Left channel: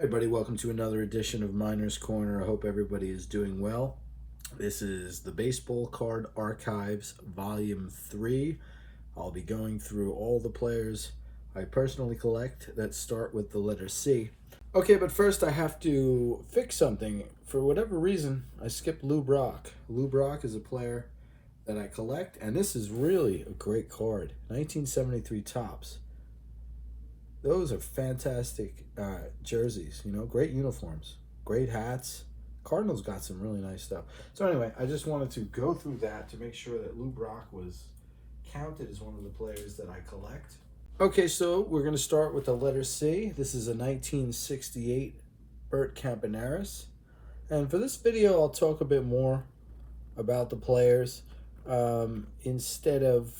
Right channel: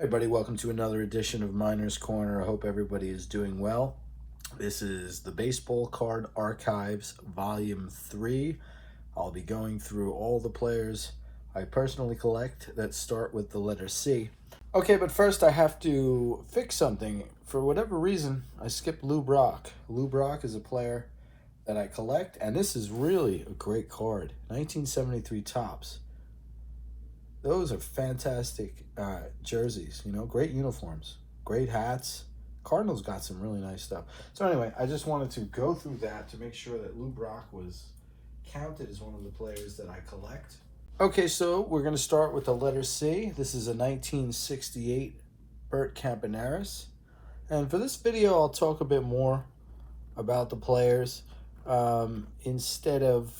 Hey everybody, welcome to another edition of Miners Corner. I hope everybody is doing well. This is the Baseball Card Archives Volume 3. I'll be going through all the players I personally collect that start with the letter C. Okay, but first I have to fix something. For whatever reason, I skipped Lou Brock. Lou Brock is a player that I collect, and this is really a great card. 1973 Topps. Those are fantastic jerseys, great uniforms, great hats. Cardinals got some really nice stuff. So anyway, I just wanted to go through that to make sure that Lou Brock was counted as one of the players that I collect. Okay, so we're going to start with the letter C. This is a 1968 Bert Campaneris. And for this video, I'll talk a bit more about the players instead of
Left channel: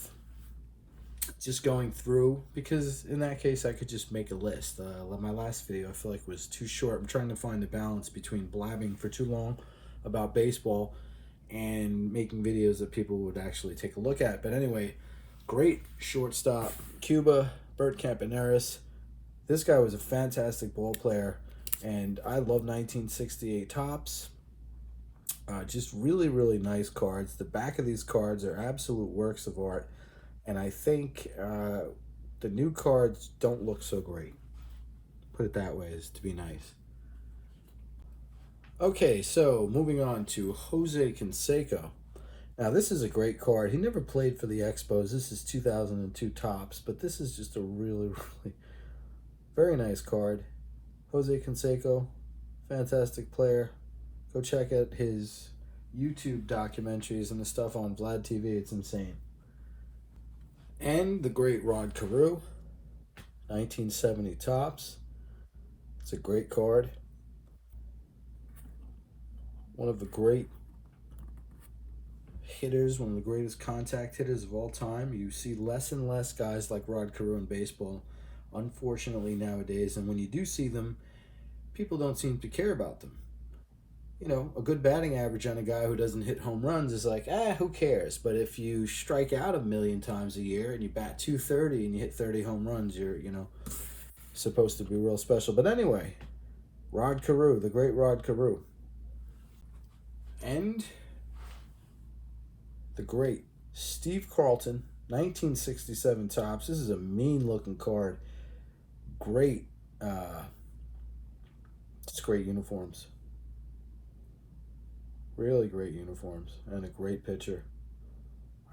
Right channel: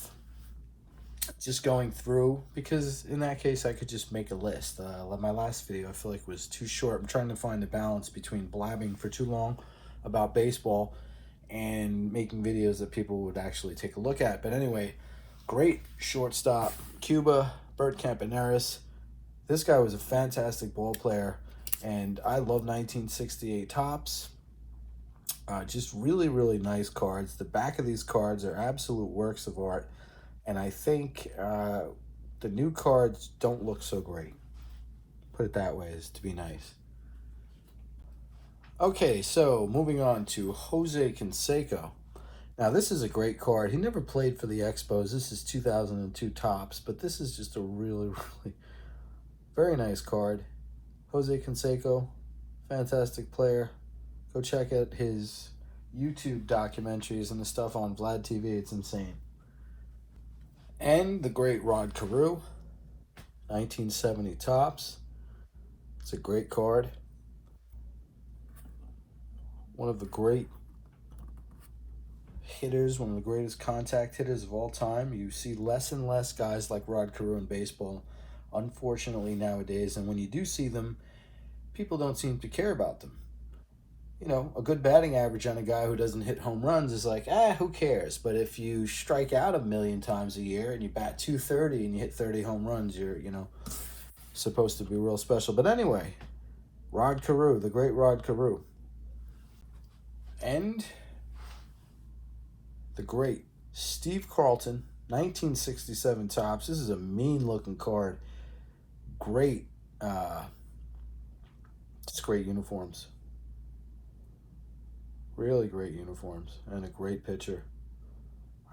just going through, because in that case I could just make a list. My last video I feel like was too short. I'm trying to find a balance between blabbing for too long about baseball and making videos that people would actually take a look at. But anyway, great shortstop, Cuba, Bert Campaneris. This guy was a fantastic ball player, and I love 1968 Topps. Just really, really nice cards. The back of these cards are absolute works of art. And I think the new cards don't look so great. Put it that way, is to be nice. Okay, so moving on to Jose Canseco. Now, this is a great card. He never played for the Expos. This is 2002 Topps, but this is just a really, really very nice card. Jose Canseco, fantastic player. Go check out his YouTube documentaries and the stuff on Vlad TV. It's insane. And the great Rod Carew, 1970 Topps. It's a great card. One of the great hitters, one of the greatest contact hitters of all time. You see less and less guys like Rod Carew in baseball, unfortunately, nowadays. And when you do see them, people don't seem to care about them. A good batting average on a guy who doesn't hit home runs is like, who cares? But if you strike out 1,000,000 times a year and you bat .230 and you hit 30 home runs, you're, supposed to be real special. But anyway, Rod Carew, the great Rod Carew. And the great Steve Carlton, 1967 Topps. This is a mean-looking card. Great, just great uniforms. Really great uniforms and a great pitcher.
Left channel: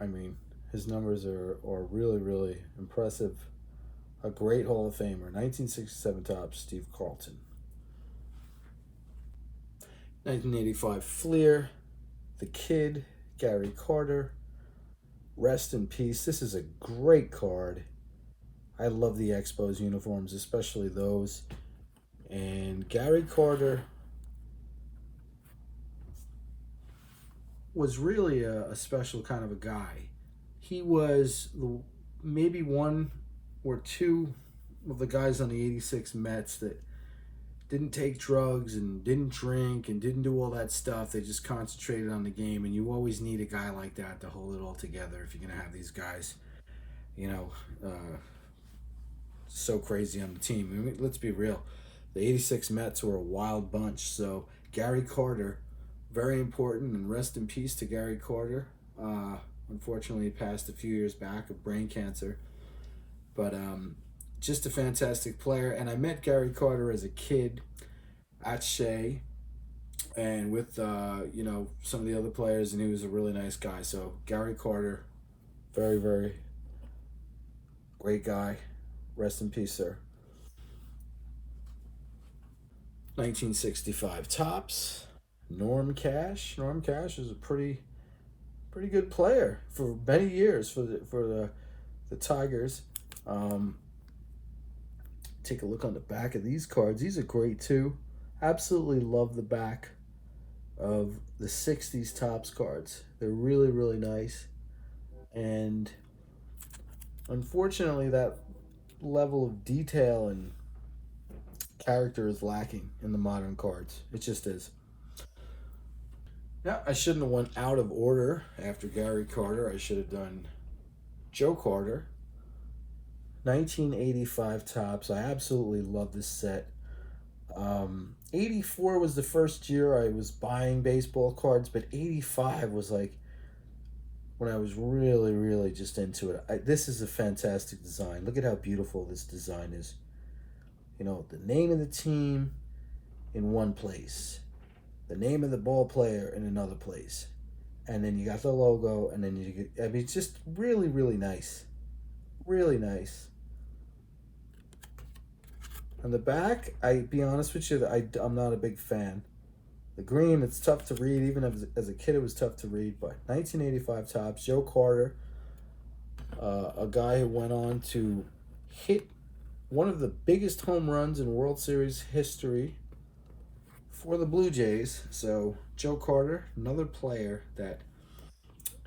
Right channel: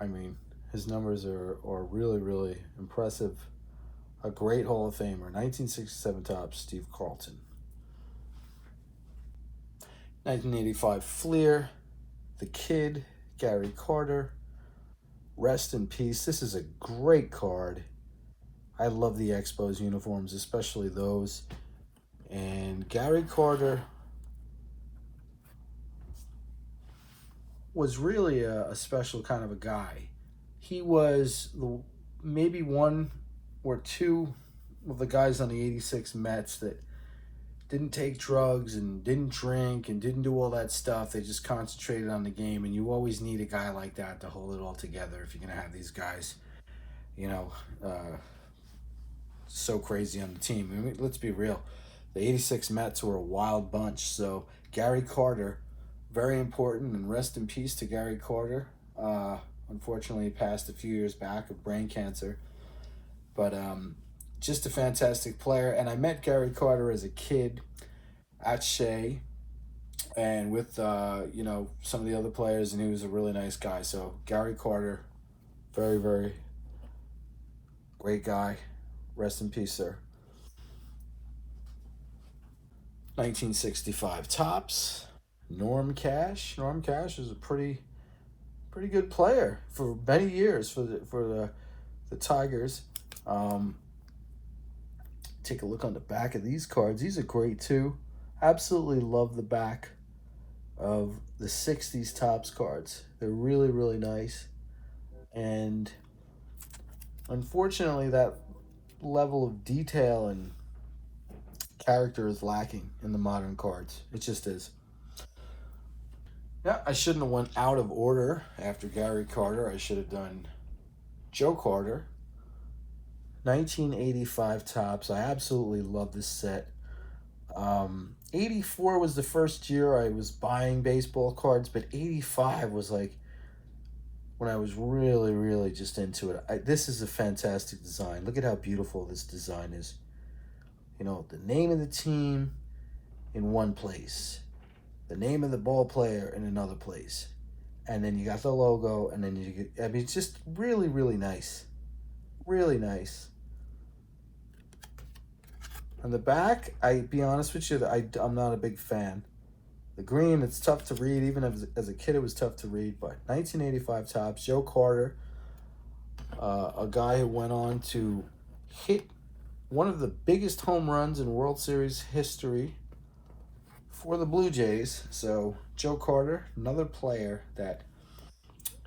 I mean, his numbers are really, really impressive. A great Hall of Famer. 1967 Topps, Steve Carlton. 1985 Fleer, The Kid, Gary Carter. Rest in peace. This is a great card. I love the Expos uniforms, especially those. And Gary Carter was really a special kind of a guy. He was maybe one or two of the guys on the 86 Mets that didn't take drugs and didn't drink and didn't do all that stuff. They just concentrated on the game, and you always need a guy like that to hold it all together if you're going to have these guys, so crazy on the team. I mean, let's be real. The 86 Mets were a wild bunch, so Gary Carter, very important, and rest in peace to Gary Carter. Unfortunately, he passed a few years back of brain cancer. But just a fantastic player. And I met Gary Carter as a kid at Shea and with, some of the other players, and he was a really nice guy. So Gary Carter, very, very great guy. Rest in peace, sir. 1965 Topps. Norm Cash. Norm Cash is a pretty good player for many years for the Tigers. Take a look on the back of these cards. These are great too. Absolutely love the back of the 60s Topps cards. They're really, really nice. And unfortunately, that level of detail and character is lacking in the modern cards. It just is. Yeah, I shouldn't have went out of order after Gary Carter. I should have done Joe Carter. 1985 Topps. I absolutely love this set. '84 was the first year I was buying baseball cards, but '85 was like when I was really, really just into it. This is a fantastic design. Look at how beautiful this design is. You know, the name of the team in one place, the name of the ball player in another place, and then you got the logo, and then you get, I mean, it's just really, really nice. Really nice. On the back, I be honest with you, I'm not a big fan. The green, it's tough to read. Even as a kid, it was tough to read. But 1985 Topps, Joe Carter, a guy who went on to hit one of the biggest home runs in World Series history for the Blue Jays. So Joe Carter, another player that,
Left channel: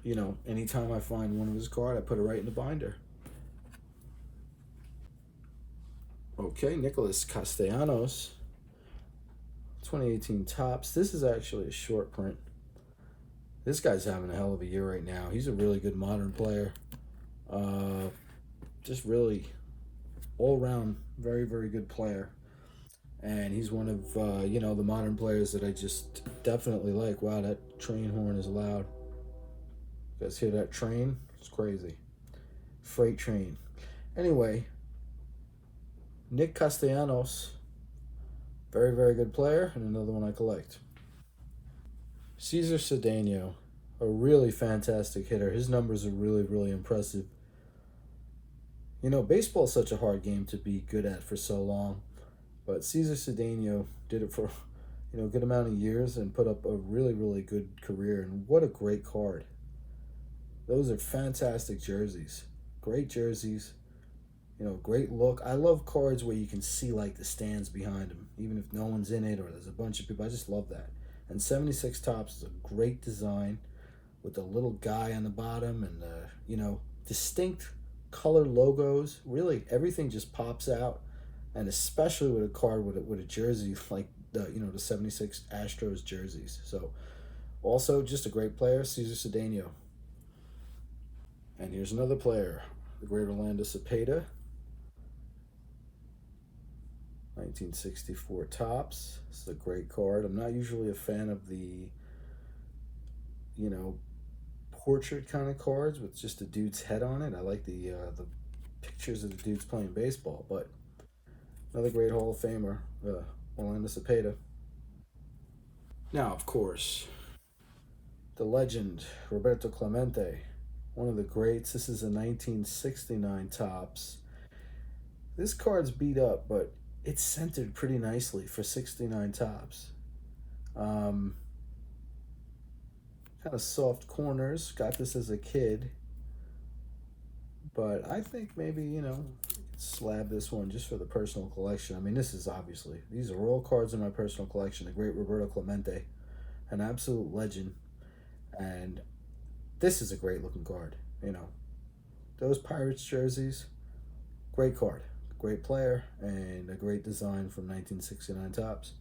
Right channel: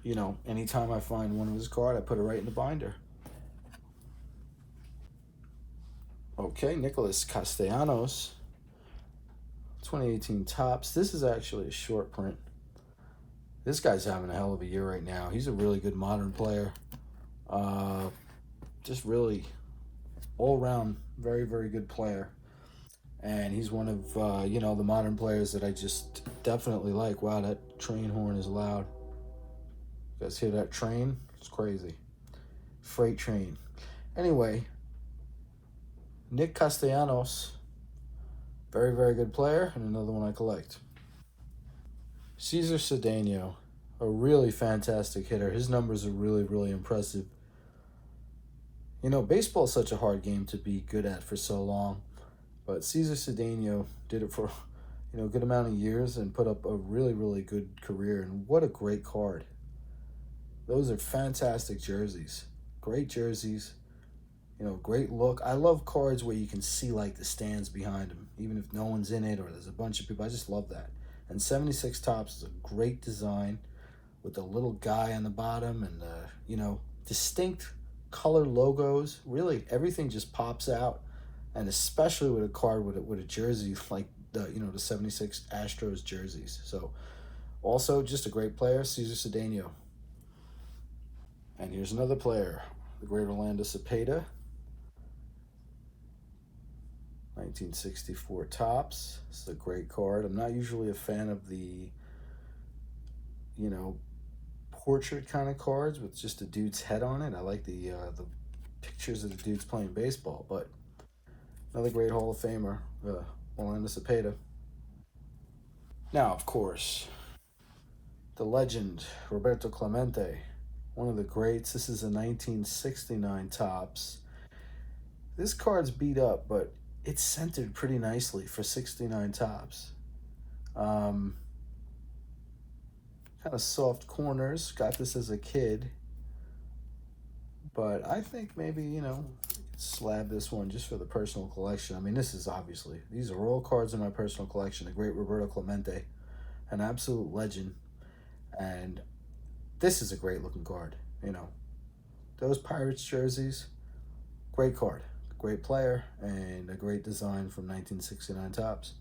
you know, anytime I find one of his cards, I put it right in the binder. Okay, Nicolas Castellanos, 2018 Topps. This is actually a short print. This guy's having a hell of a year right now. He's a really good modern player. Just really all-around very, very good player. And he's one of, you know, the modern players that I just definitely like. Wow, that train horn is loud. You guys hear that train? It's crazy. Freight train. Anyway, Nick Castellanos, very, very good player, and another one I collect. Cesar Cedeno, a really fantastic hitter. His numbers are really, really impressive. You know, baseball is such a hard game to be good at for so long, but Cesar Cedeno did it for, you know, a good amount of years and put up a really, really good career. And what a great card. Those are fantastic jerseys. Great jerseys. You know, great look. I love cards where you can see like the stands behind them, even if no one's in it or there's a bunch of people. I just love that. And 76 Topps is a great design with the little guy on the bottom and you know, distinct color logos. Really, everything just pops out, and especially with a card with a jersey like the, you know, the 76 Astros jerseys. So, also just a great player, Cesar Cedeno. And here's another player, the great Orlando Cepeda. 1964 Topps. This is a great card. I'm not usually a fan of the, you know, portrait kind of cards with just a dude's head on it. I like the pictures of the dudes playing baseball. But another great Hall of Famer, Orlando Cepeda. Now, of course, the legend Roberto Clemente, one of the greats. This is a 1969 Topps. This card's beat up, but it's centered pretty nicely for 69 Topps. Kind of soft corners. Got this as a kid. But I think maybe, you know, slab this one just for the personal collection. I mean, this is obviously, these are all cards in my personal collection. The great Roberto Clemente, an absolute legend. And this is a great looking card, you know. Those Pirates jerseys, great card. Great player and a great design from 1969 Topps.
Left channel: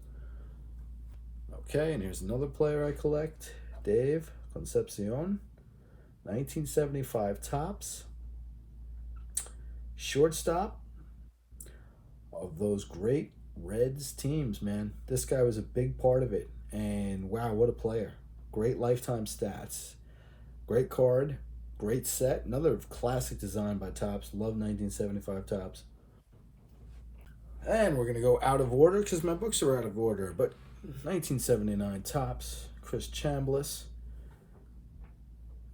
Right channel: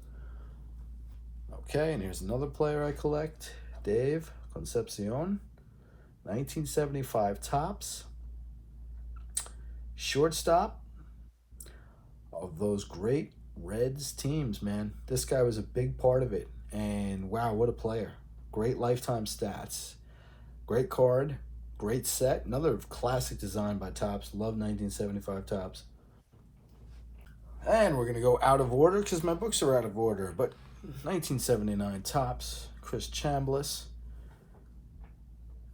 Okay, and here's another player I collect, Dave Concepcion, 1975 Topps. Shortstop of those great Reds teams, man. This guy was a big part of it, and wow, what a player. Great lifetime stats. Great card, great set. Another classic design by Topps. Love 1975 Topps. And we're going to go out of order because my books are out of order. But 1979 Topps, Chris Chambliss,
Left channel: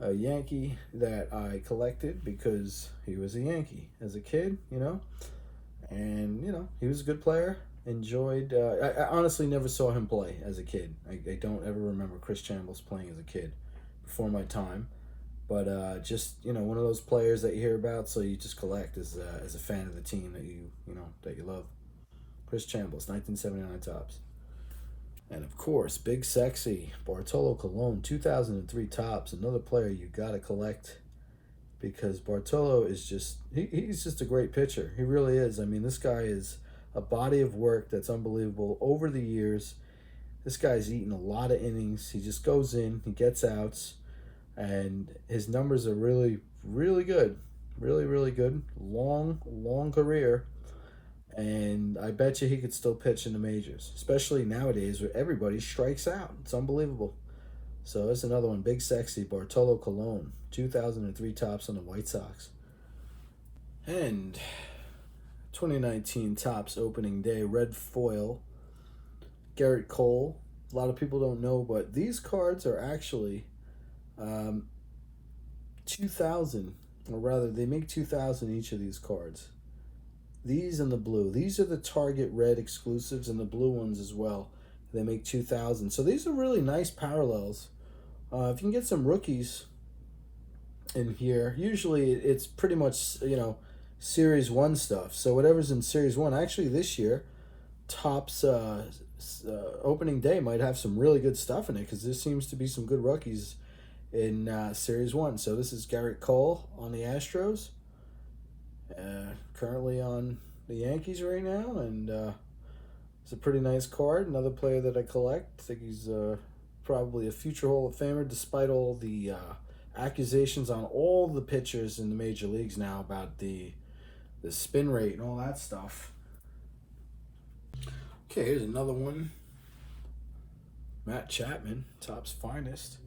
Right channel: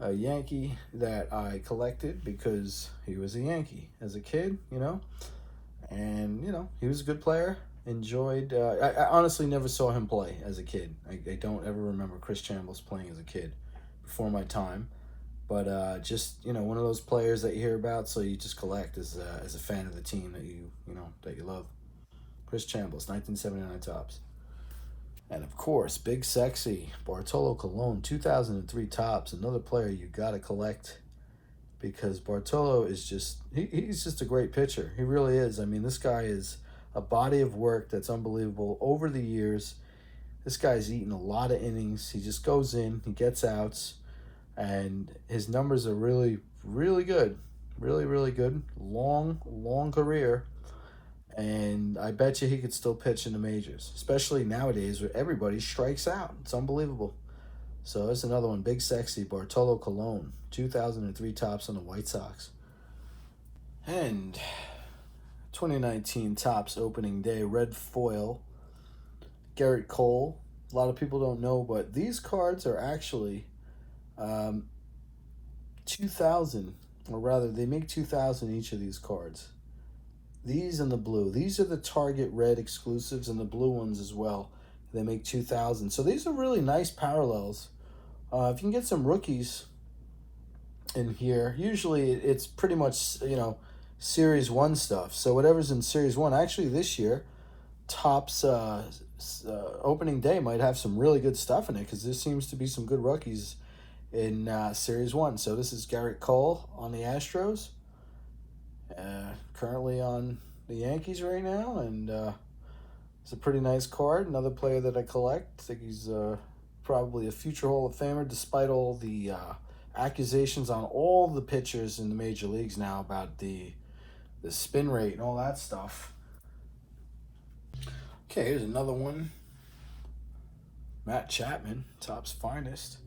a Yankee that I collected because he was a Yankee as a kid, you know. And, you know, he was a good player. Enjoyed, I honestly never saw him play as a kid. I don't ever remember Chris Chambliss playing as a kid before my time. But just, you know, one of those players that you hear about, so you just collect as a fan of the team that you love. Chris Chambliss, 1979 Topps. And of course, Big Sexy, Bartolo Colon, 2003 Topps. Another player you gotta collect because Bartolo is just, he's just a great pitcher. He really is. I mean, this guy is a body of work that's unbelievable. Over the years, this guy's eaten a lot of innings. He just goes in, he gets outs, and his numbers are really, really good. Really, really good. Long career. And I bet you he could still pitch in the majors, especially nowadays where everybody strikes out. It's unbelievable. So there's another one, Big Sexy, Bartolo Colon, 2003 tops on the White Sox. And 2019 tops opening day, red foil, Gerrit Cole. A lot of people don't know, but these cards are actually 2,000, or rather, they make 2,000 each of these cards. These and the blue. These are the Target red exclusives, and the blue ones as well. They make 2,000. So these are really nice parallels. If you can get some rookies in here, usually it's pretty much, you know, Series 1 stuff. So whatever's in Series 1, actually this year, Topps opening day might have some really good stuff in it, because there seems to be some good rookies in Series 1. So this is Gerrit Cole on the Astros, currently on the Yankees right now, and it's a pretty nice card. Another player that I collect. I think he's probably a future Hall of Famer, despite all the accusations on all the pitchers in the major leagues now about the spin rate and all that stuff. Okay, here's another one. Matt Chapman, Topps Finest.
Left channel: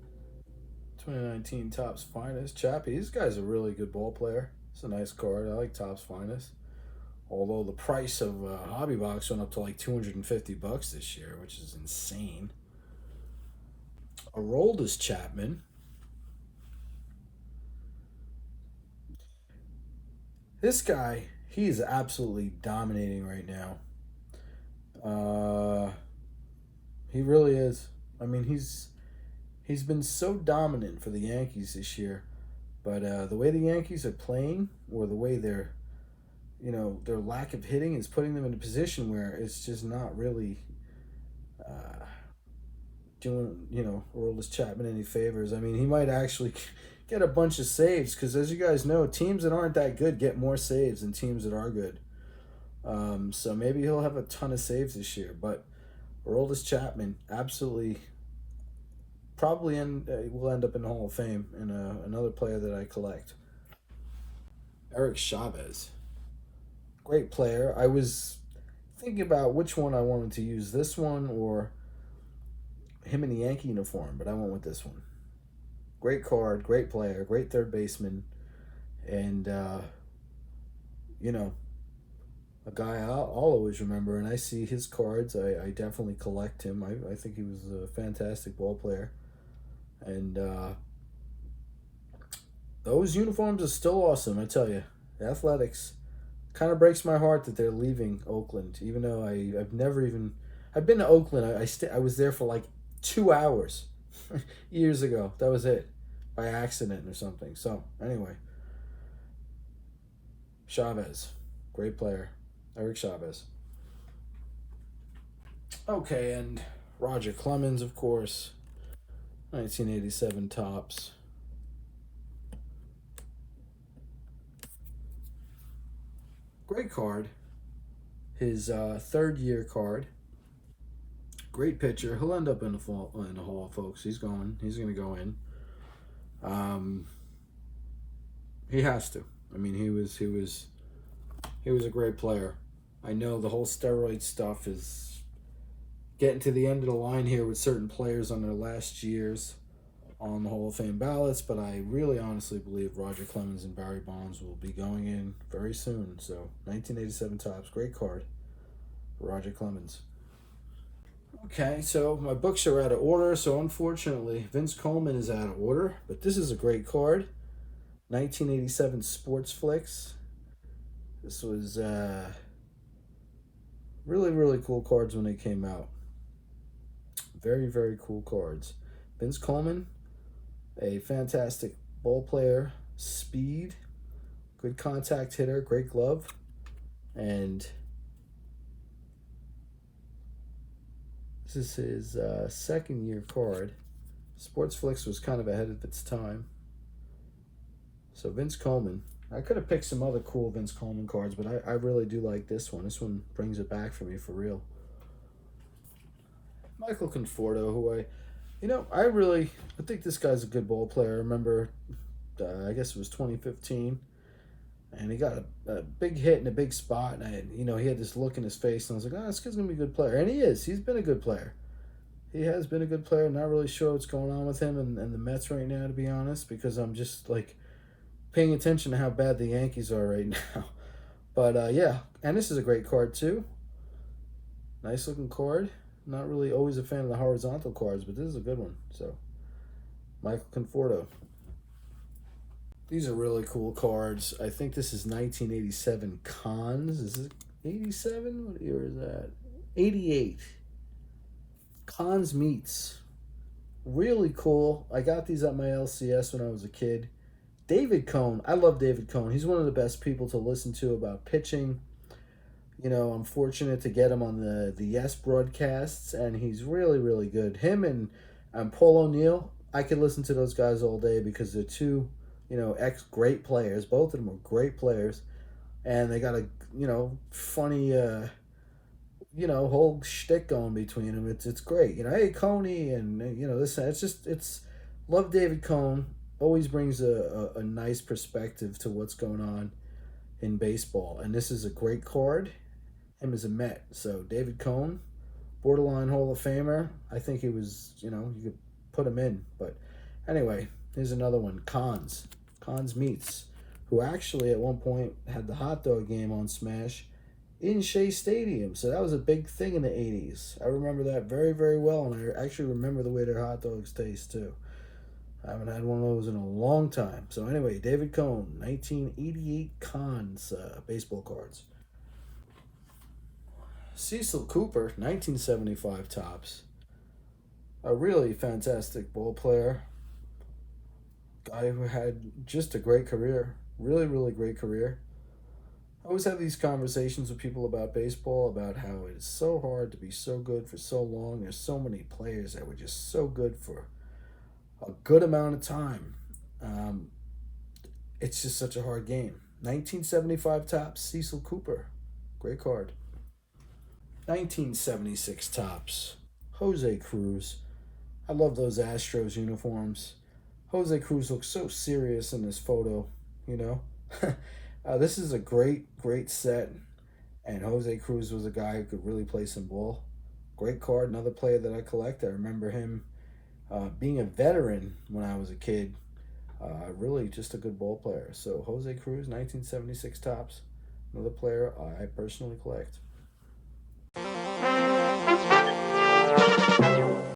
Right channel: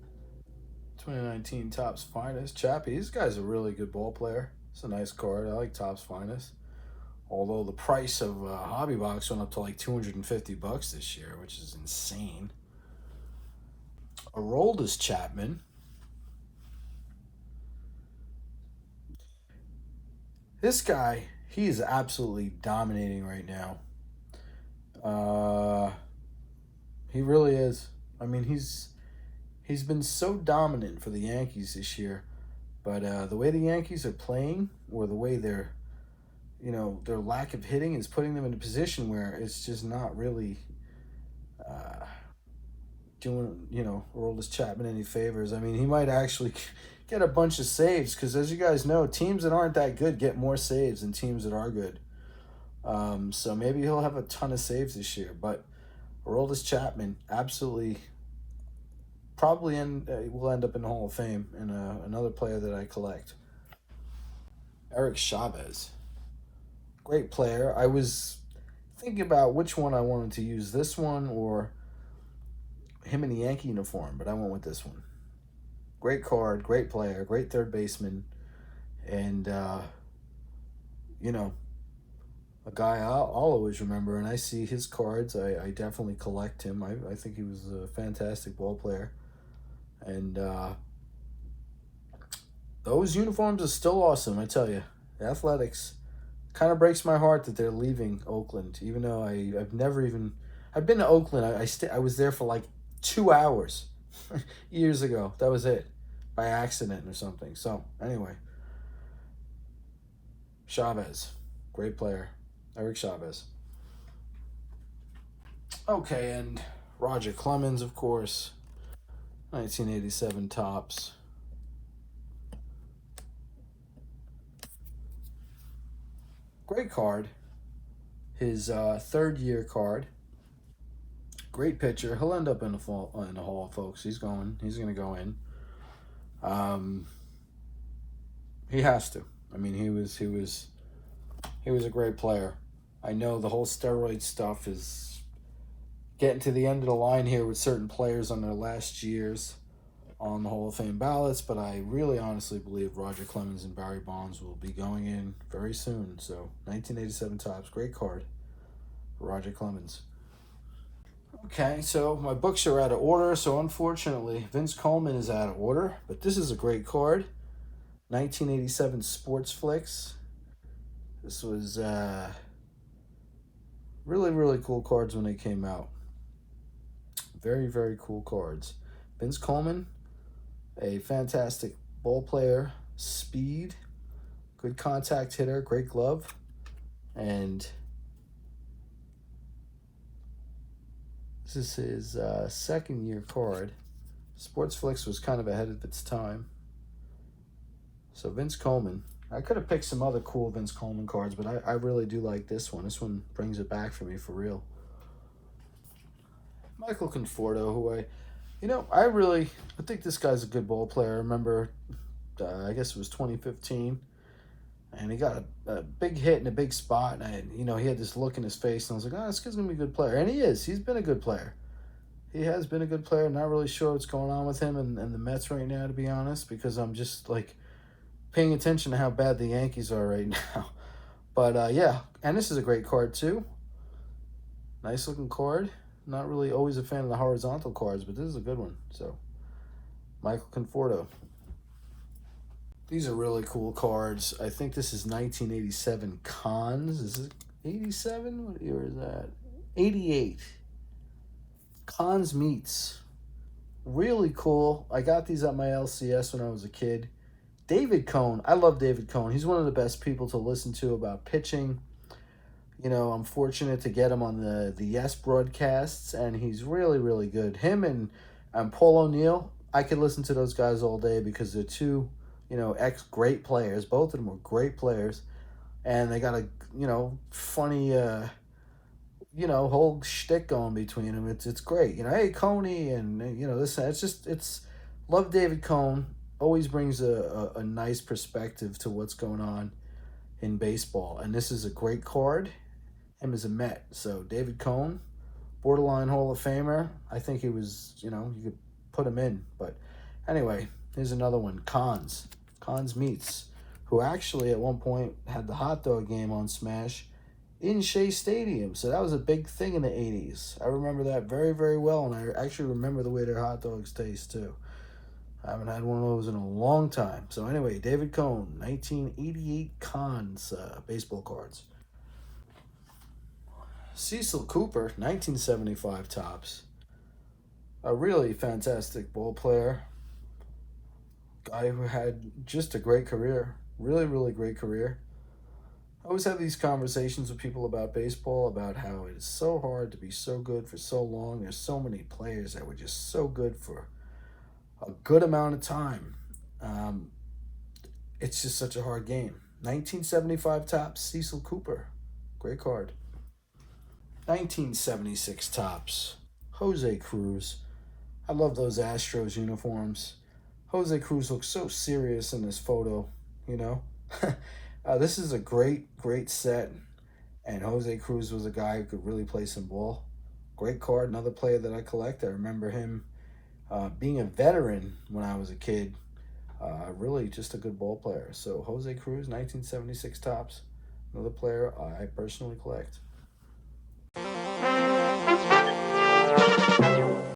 2019 Topps Finest. Chappie, this guy's a really good ball player. It's a nice card. I like Topps Finest. Although the price of Hobby Box went up to like $250 this year, which is insane. Aroldis Chapman. This guy, he is absolutely dominating right now. He really is. I mean, he's been so dominant for the Yankees this year, but the way the Yankees are playing, or the way they're, you know, their lack of hitting is putting them in a position where it's just not really doing, you know, Aroldis Chapman any favors. I mean, he might actually get a bunch of saves, because as you guys know, teams that aren't that good get more saves than teams that are good. So maybe he'll have a ton of saves this year, but Aroldis Chapman absolutely probably will end up in the Hall of Fame, and another player that I collect. Eric Chavez, great player. I was thinking about which one I wanted to use, this one or him in the Yankee uniform, but I went with this one. Great card, great player, great third baseman, and you know, a guy I'll always remember. And I see his cards, I definitely collect him. I think he was a fantastic ball player, and those uniforms are still awesome. I tell you, the Athletics kind of breaks my heart that they're leaving Oakland, even though I've been to Oakland. I was there for like 2 hours years ago. That was it, by accident or something. So anyway, Chavez, great player, Eric Chavez. Okay, and Roger Clemens, of course, 1987 Topps. Great card. His third year card. Great pitcher. He'll end up in the Hall, folks. He's going to go in. He has to. I mean, he was a great player. I know the whole steroid stuff is getting to the end of the line here with certain players on their last years on the Hall of Fame ballots, but I really honestly believe Roger Clemens and Bary Bonds will be going in very soon. So 1987 Topps, great card, Roger Clemens. Okay, so my books are out of order, so unfortunately Vince Coleman is out of order, but this is a great card. 1987 Sports Flicks. This was really, really cool cards when they came out. Very, very cool cards. Vince Coleman, a fantastic ball player, speed, good contact hitter, great glove, and this is his second year card. Sports Flicks was kind of ahead of its time. So Vince Coleman. I could have picked some other cool Vince Coleman cards, but I really do like this one. This one brings it back for me for real. Michael Conforto, who I think this guy's a good ball player. I remember, I guess it was 2015. And he got a big hit in a big spot. And, he had this look in his face. And I was like, this kid's going to be a good player. And he is. He's been a good player. He has been a good player. Not really sure what's going on with him and the Mets right now, to be honest, because I'm just, paying attention to how bad the Yankees are right now. But, yeah. And this is a great card, too. Nice looking card. Not really always a fan of the horizontal cards, but this is a good one. So, Michael Conforto. These are really cool cards. I think this is 1987 Cons. Is it 87? What year is that? 88. Cons Meets. Really cool. I got these at my LCS when I was a kid. David Cone. I love David Cone. He's one of the best people to listen to about pitching. I'm fortunate to get him on the Yes broadcasts, and he's really, really good. Him and Paul O'Neill, I could listen to those guys all day because they're two, great players. Both of them are great players, and they got a, funny, whole shtick going between them. It's great. Hey, Coney, and, it's love David Cone. Always brings a nice perspective to what's going on in baseball. And this is a great card. Him as a Met. So David Cone, borderline Hall of Famer. I think he was, you could put him in. But anyway, here's another one. Cons Meets, who actually at one point had the hot dog game on Smash in Shea Stadium. So that was a big thing in the 80s. I remember that very, very well. And I actually remember the way their hot dogs taste too. I haven't had one of those in a long time. So anyway, David Cone, 1988 Cons baseball cards. Cecil Cooper, 1975 Topps. A really fantastic ball player. Guy who had just a great career. Really, really great career. I always have these conversations with people about baseball, about how it is so hard to be so good for so long. There's so many players that were just so good for a good amount of time. It's just such a hard game. 1975 Topps, Cecil Cooper. Great card. 1976 Topps, Jose Cruz. I love those Astros uniforms. Jose Cruz looks so serious in this photo, This is a great, great set. And Jose Cruz was a guy who could really play some ball. Great card, another player that I collect. I remember him being a veteran when I was a kid. Really just a good ball player. So Jose Cruz, 1976 Topps. Another player I personally collect.